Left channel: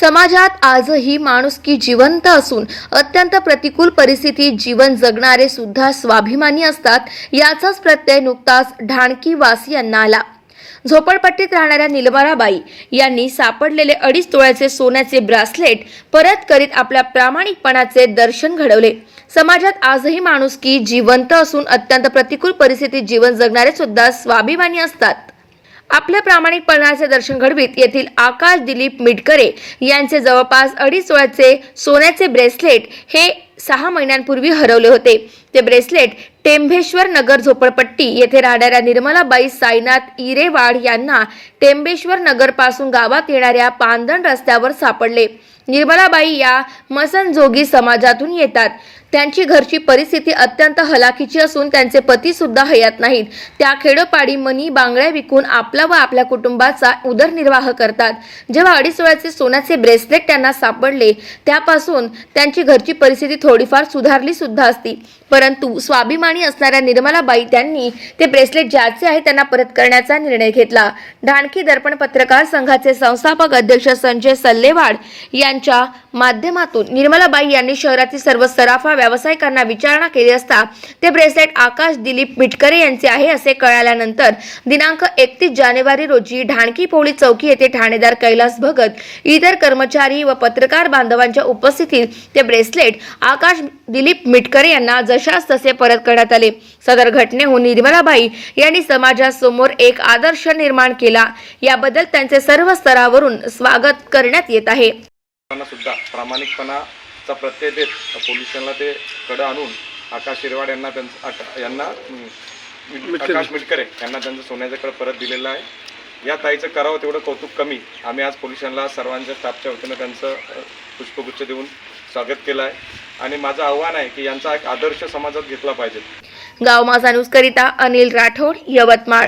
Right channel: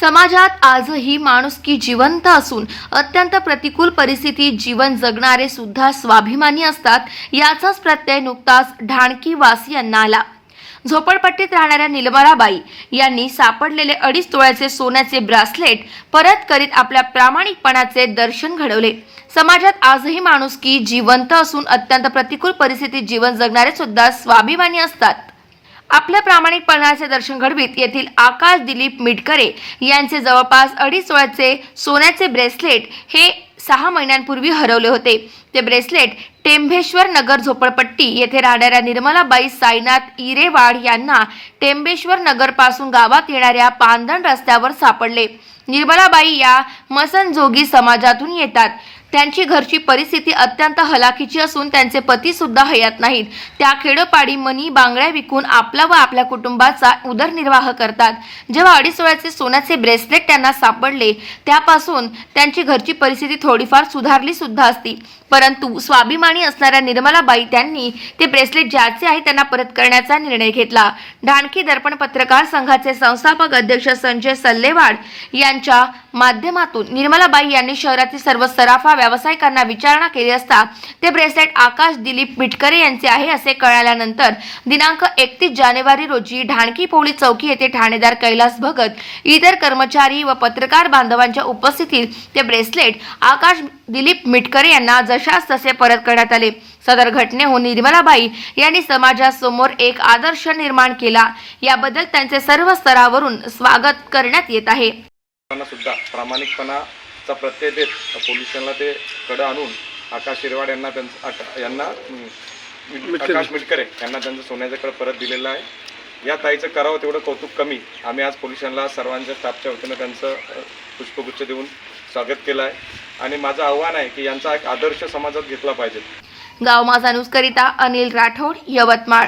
समाजात आजही माणुसकी जिवंत असून अत्यंत प्रतिकूल परिस्थितीत जीवन जगणारे सुद्धा स्वाभिमानी असतात याचाच प्रत्यय नुकताच ढाणकी वासियांना आला. झोपडपट्टीत राहणाऱ्या निलमराबाई यांनी सापडलेले अडीच तोळ्याचे सोन्याचे ब्रासलेट परत करीत आपल्या प्रामाणिकपणाचे दर्शन घडवले. समाजात आजही माणुसकी जिवंत असून अत्यंत प्रतिकूल परिस्थितीत जीवन जगणारे सुद्धा स्वाभिमानी असतात. आपल्या प्रामाणिकपणाचे दर्शन घडवीत. येथील आकाश दिलीप मिटकरे यांचे जवळपास अडीच वळचे सोन्याचे ब्रेसलेट हे सहा महिन्यांपूर्वी हरवले होते. ते ब्रेसलेट टेंभेश्वर नगर झोपडपट्टी येथे राहणाऱ्या निर्मलाबाई साईनाथ इरेवाड यांना टेंबेश्वर नगरपासून गावात येणाऱ्या पांदण रस्त्यावर सापडले. निर्मलाबाई या मसनजोगी समाजातून येतात. त्यांची घरची परिस्थिती अत्यंत हलाखीची असून त्यांचे पती सुद्धा हयात नाहीत. त्या खेडोपाडी मनी बांगड्या विकून आपला व आपल्या कुटुंबाचा उदरनिर्वाह करतात. जेव्हा अडीच वेळाचे सोन्याचे ब्रेसलेट त्यांना सापडले त्यापासून त्यांची घरची परिस्थिती थोडीफार सुधारली सुद्धा असती. परंतु स्वाभिमानी असणाऱ्या निर्मलाबाई त्यांनी ते ब्रेसलेट ज्याचे आहे त्यांना परत करण्याचा निर्णय घेतला. ढाणकी दर्पण पत्रकार संघाचे संस्थापक अध्यक्ष संजय सल्लेवाड यांच्या माध्यमातून निर्मलाबाई यांनी शहरातील सर्व सराफा व्यावसायिकांना विचारणा केली असता ते ब्रेसलेट आकाश दिलीप मिटकरे यांचे आहे असे कळाल्यानंतर दिनांक एकतीस जानेवारी रोजी ढाणकी पोळी चौकी येथे ठाणेदार कैलास भगत इतर कर्मचारी व पत्रकार बांधवांच्या उपस्थितीत ते ब्रेसलेट आकाश दिलीप मिटकरे यांना जशास तसे परत करण्यात आले. सदर घटनेहून निर्मलाबाई यांनी समाजासमोर एक आदर्श निर्माण केला. याबद्दल त्यांचे सर्व स्तरावरून स्वागत करण्यात येत आहे. सुद्धा प्रामाणिकपणा प्रामाणिकपणाचा प्रत्यय देत. पोलिसांना ते कडं आणून आकाश शिरवाड यांना त्यांचं आका- यांना मिट- आकाश मिटकरे यांना त्यांचं सोन्याचं कड परत दिलेलं आहे. या ताईचं करावं तेवढं कौतुक कमी. आम्ही आज पोलिसांना सर्वांच्या स्टाफच्या वतीनं त्यांचं अ, पुष्पगुच्छ देऊन स्वागत केलं आहे. आणि माझं आव्हान आहे की यांचा एक आदर्श समाजात घेतला पाहिजे. गाव माझा न्यूज करिता अनिल राठोड यवतमाळ.